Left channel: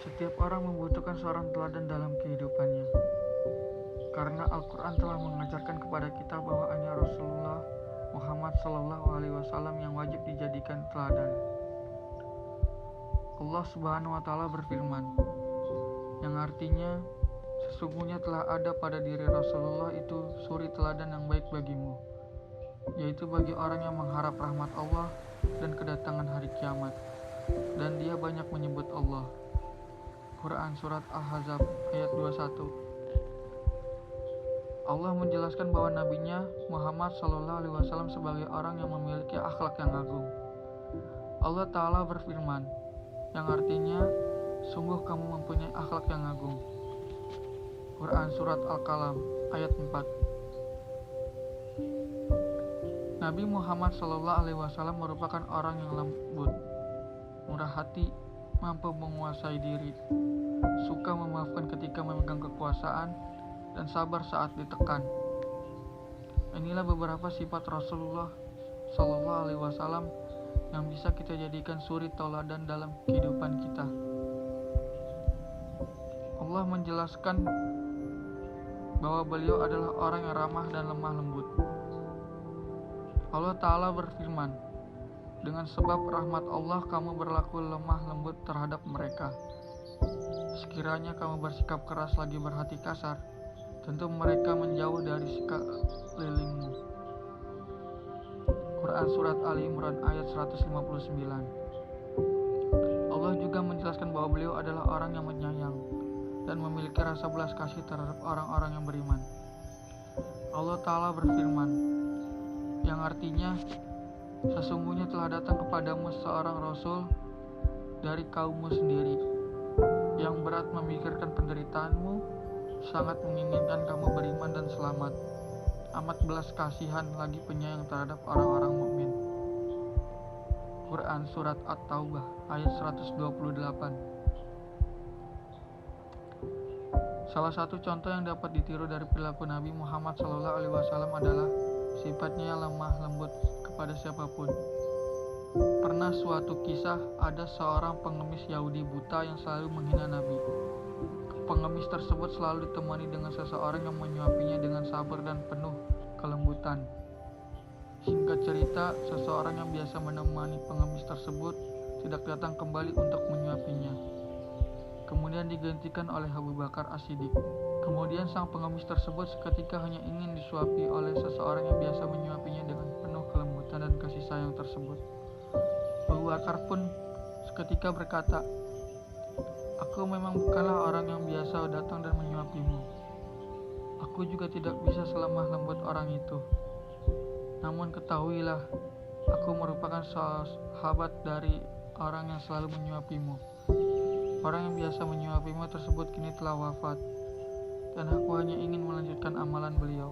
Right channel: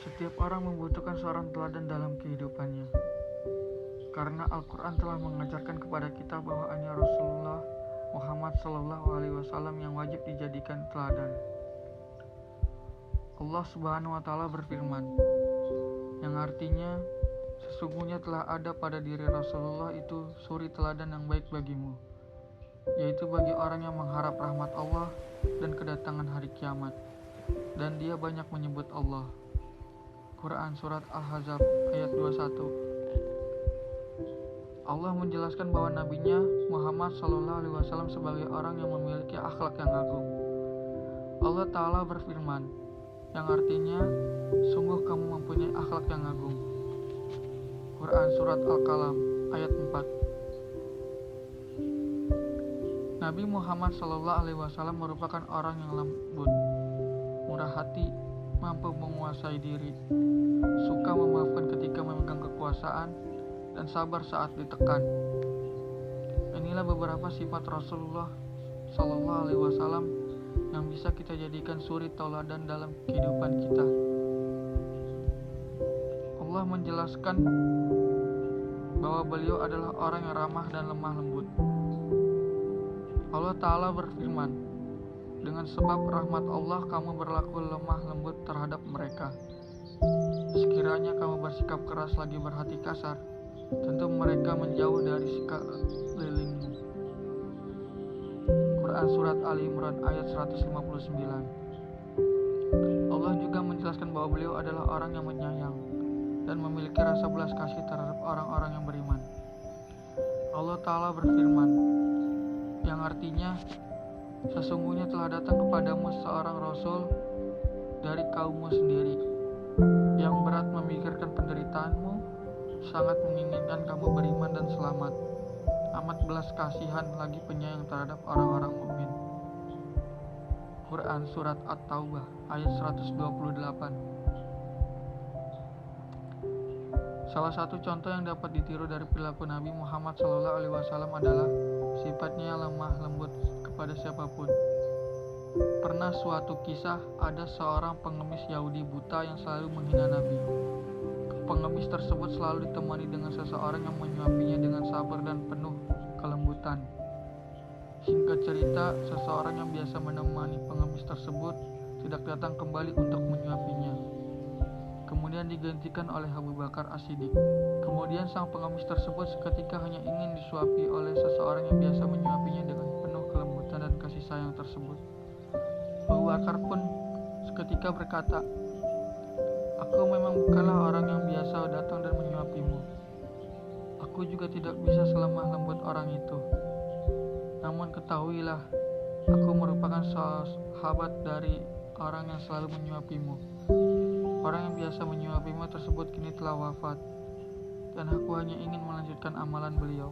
Setiap orang membutuhkan seorang teladan dalam kehidupannya. Karena Al-Quran telah mengajarkan kepada kita bahwa hanya Rasulullah Muhammad SAW yang wajib dijadikan teladan. Allah Subhanahu wa Ta'ala berfirman, yang artinya, sesungguhnya telah ada pada diri Rasulullah itu suri teladan yang baik bagimu, yaitu bagi orang yang mengharap rahmat Allah dan kedatangan hari kiamat, dan dia banyak menyebut Allah. Quran Surat Al-Ahzab ayat 21. Allah menjelaskan bahwa nabinya Muhammad SAW sebagai orang yang memiliki akhlak yang agung. Allah Ta'ala berfirman, yang artinya, sungguh kamu mempunyai akhlak yang agung. Quran Surat Al-Qalam ayat 4. Nabi Muhammad SAW merupakan orang yang lembut, murah hati, mampu menguasai diri, suka memaafkan ketika memegang kekuasaan, dan sabar saat ditekan. Inilah beberapa sifat Rasulullah SAW yang bisa kita jadikan suri tauladan dalam kehidupan kita. Allah menjelaskan bahwa beliau adalah orang yang ramah dan lemah lembut. Allah Ta'ala berfirman, dengan sebab rahmat Allah kamu berlaku lemah lembut terhadap mereka. Sekiranya kamu bersikap keras lagi berhati kasar, tentu mereka menjauh dari sekelilingmu. Quran Surat Ali Imran ayat 159. Allah juga menjelaskan bahwa beliau adalah orang yang menyayang dan memiliki rasa belas kasih terhadap orang-orang yang beriman. Allah Ta'ala berfirman, yang artinya, sesungguhnya telah datang kepadamu seorang Rasul dari kaummu sendiri, yang berat memikirkan penderitaanmu, sangat menginginkan kamu beriman dan selamat, amat belas kasihan lagi penyayang terhadap orang-orang mukmin. Quran Surat At-Taubah ayat 128. Salah satu contoh yang dapat ditiru dari perilaku Nabi Muhammad SAW adalah sifatnya yang lemah lembut kepada siapapun. Pernah suatu kisah ada seorang pengemis Yahudi buta yang selalu menghina Nabi. Pengemis tersebut selalu ditemani dengan seseorang yang menyuapinya dengan sabar dan penuh kelembutan. Singkat cerita, seseorang yang biasa menemani pengemis tersebut tidak datang kembali untuk menyuapinya. Kemudian digantikan oleh Abu Bakar As-Siddiq. Kemudian sang pengemis tersebut seketika hanya ingin disuapi oleh seseorang yang biasa menyuapinya dengan penuh kelembutan dan kasih sayang tersebut. Abu Bakar pun seketika berkata, "Aku memang bukanlah orang yang biasa datang dan menyuapimu. Aku juga tidak bisa selemah lembut orang itu. Namun ketahuilah, aku merupakan sahabat dari orang yang selalu menyuapimu. Orang yang biasa menyuapimu tersebut kini telah wafat, dan aku hanya ingin melanjutkan amalan beliau."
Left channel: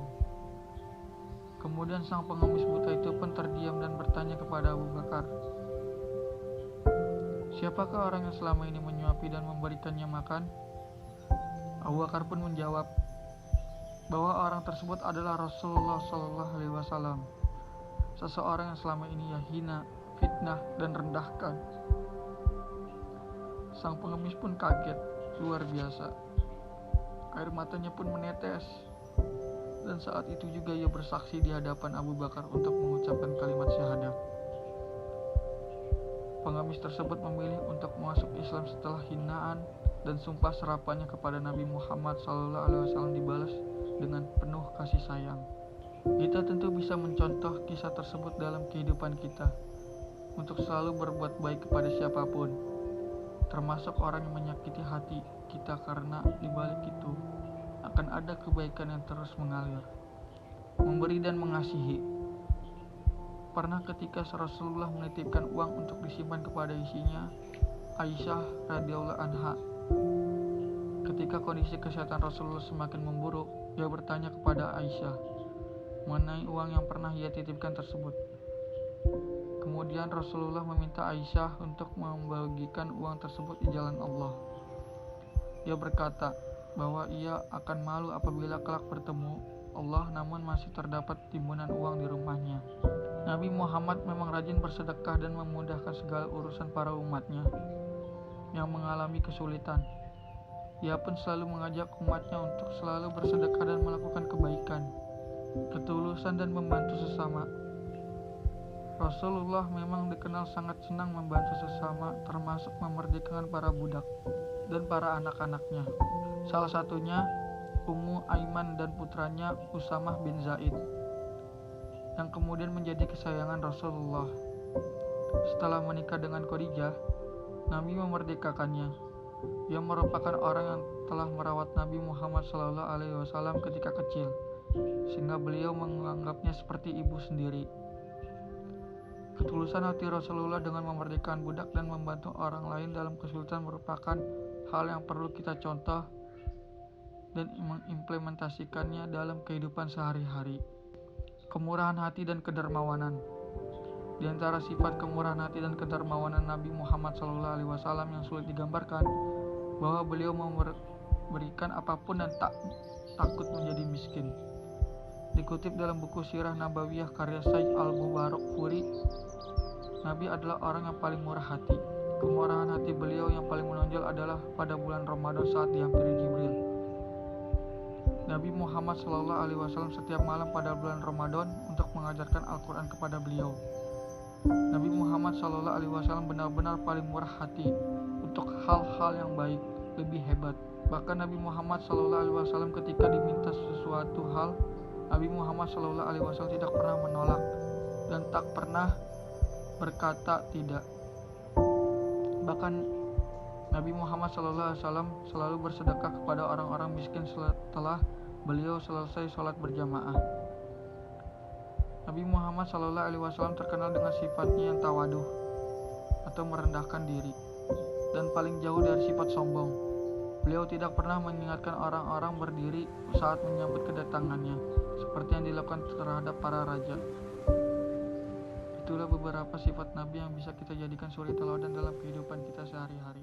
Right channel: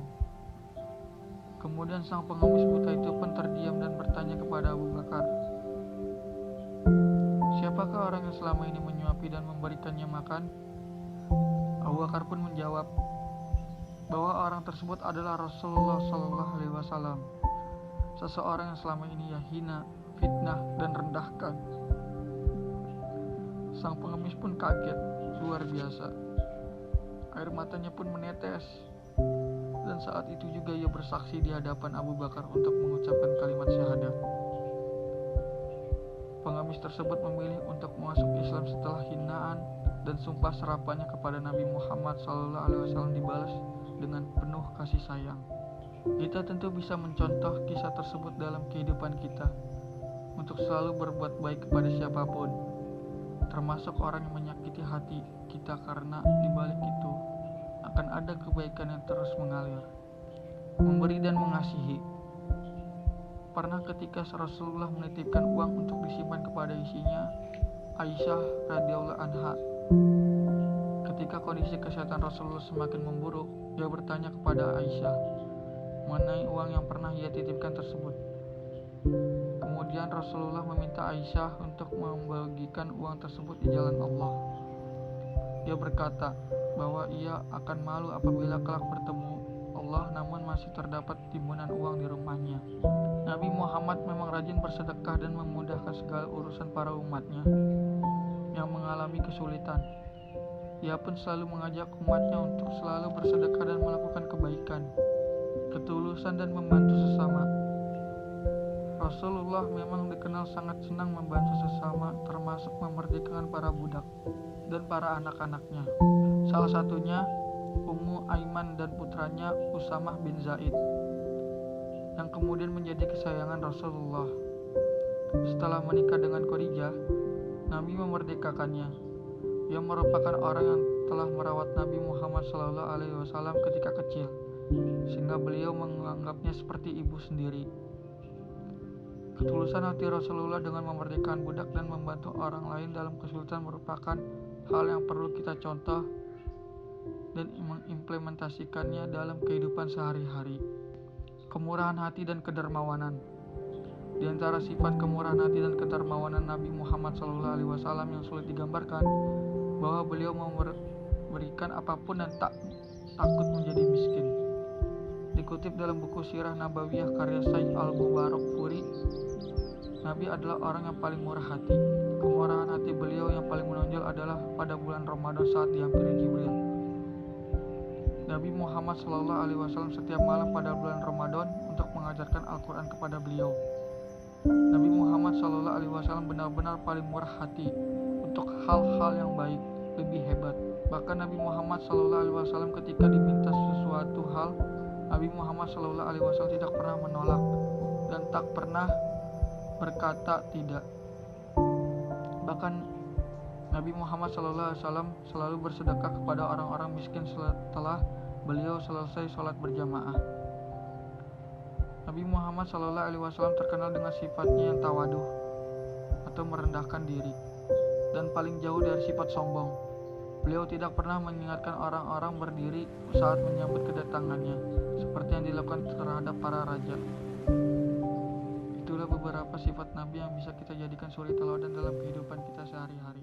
Kemudian sang pengemis buta itu pun terdiam dan bertanya kepada Abu Bakar, "Siapakah orang yang selama ini menyuapi dan memberikannya makan?" Abu Bakar pun menjawab bahwa orang tersebut adalah Rasulullah SAW, seseorang yang selama ini ia hina, fitnah, dan rendahkan. Sang pengemis pun kaget, luar biasa. Air matanya pun menetes. Dan saat itu juga ia bersaksi di hadapan Abu Bakar untuk mengucapkan kalimat syahadat. Pengemis tersebut memilih untuk masuk Islam setelah hinaan dan sumpah serapannya kepada Nabi Muhammad SAW dibalas dengan penuh kasih sayang. Kita tentu bisa mencontoh kisah tersebut dalam kehidupan kita untuk selalu berbuat baik kepada siapapun, termasuk orang yang menyakiti hati kita, karena dibalik itu akan ada kebaikan yang terus mengalir. Memberi dan mengasihi. Pernah ketika Rasulullah menitipkan uang untuk disimpan kepada isinya, Aisyah radhiyallahu anha. Ketika kondisi kesehatan Rasulullah semakin memburuk, dia bertanya kepada Aisyah mengenai uang yang pernah ia titipkan tersebut. Kemudian Rasulullah meminta Aisyah untuk membagikan uang tersebut di jalan Allah. Dia berkata bahwa ia akan malu apabila kelak bertemu Allah namun masih terdapat timbunan uang di rumahnya. Nabi Muhammad memang rajin bersedekah dan memudahkan segala urusan para umatnya. yang mengalami kesulitan. Ia pun selalu mengajak umatnya untuk selalu bersedekah dan melakukan kebaikan, ketulusan dan membantu sesama. Rasulullah memang dikenal sangat senang membantu sesama, termasuk memerdekakan para budak dan para anak-anaknya. Salah satunya Ummu Aiman dan putranya Usamah bin Zaid, yang kemudian menjadi kesayangan Rasulullah. Setelah menikah dengan Khadijah, Nabi memerdekakannya. Ia merupakan orang yang telah merawat Nabi Muhammad SAW ketika kecil, sehingga beliau menganggapnya seperti ibu sendiri. Ketulusan hati Rasulullah dengan memerdekakan budak dan membantu orang lain dalam kesulitan merupakan hal yang perlu kita contoh dan mengimplementasikannya dalam kehidupan sehari-hari. Kemurahan hati dan kedermawanan. Di antara sifat kemurahan hati dan kedermawanan Nabi Muhammad SAW yang sulit digambarkan, bahwa beliau memberikan apapun dan tak takut menjadi miskin. Dikutip dalam buku Sirah Nabawiyah karya Syekh Al-Mubarak Furi, Nabi adalah orang yang paling murah hati. Kemurahan hati beliau yang paling menonjol adalah pada bulan Ramadan saat dihampiri Jibril. Nabi Muhammad SAW setiap malam pada bulan Ramadan untuk mengajarkan Al-Quran kepada beliau. Nabi Muhammad SAW benar-benar paling murah hati untuk hal-hal yang baik, lebih hebat. Bahkan Nabi Muhammad SAW ketika diminta sesuatu hal, Nabi Muhammad SAW tidak pernah menolak dan tak pernah berkata tidak. Bahkan Nabi Muhammad SAW selalu bersedekah kepada orang-orang miskin setelah beliau selesai sholat berjamaah. Nabi Muhammad SAW terkenal dengan sifatnya yang tawaduh atau merendahkan diri, dan paling jauh dari sifat sombong. Beliau tidak pernah mengingatkan orang-orang berdiri saat menyambut kedatangannya, seperti yang dilakukan terhadap para raja. Itulah beberapa sifat Nabi yang bisa kita jadikan suri teladan dalam kehidupan kita sehari-hari.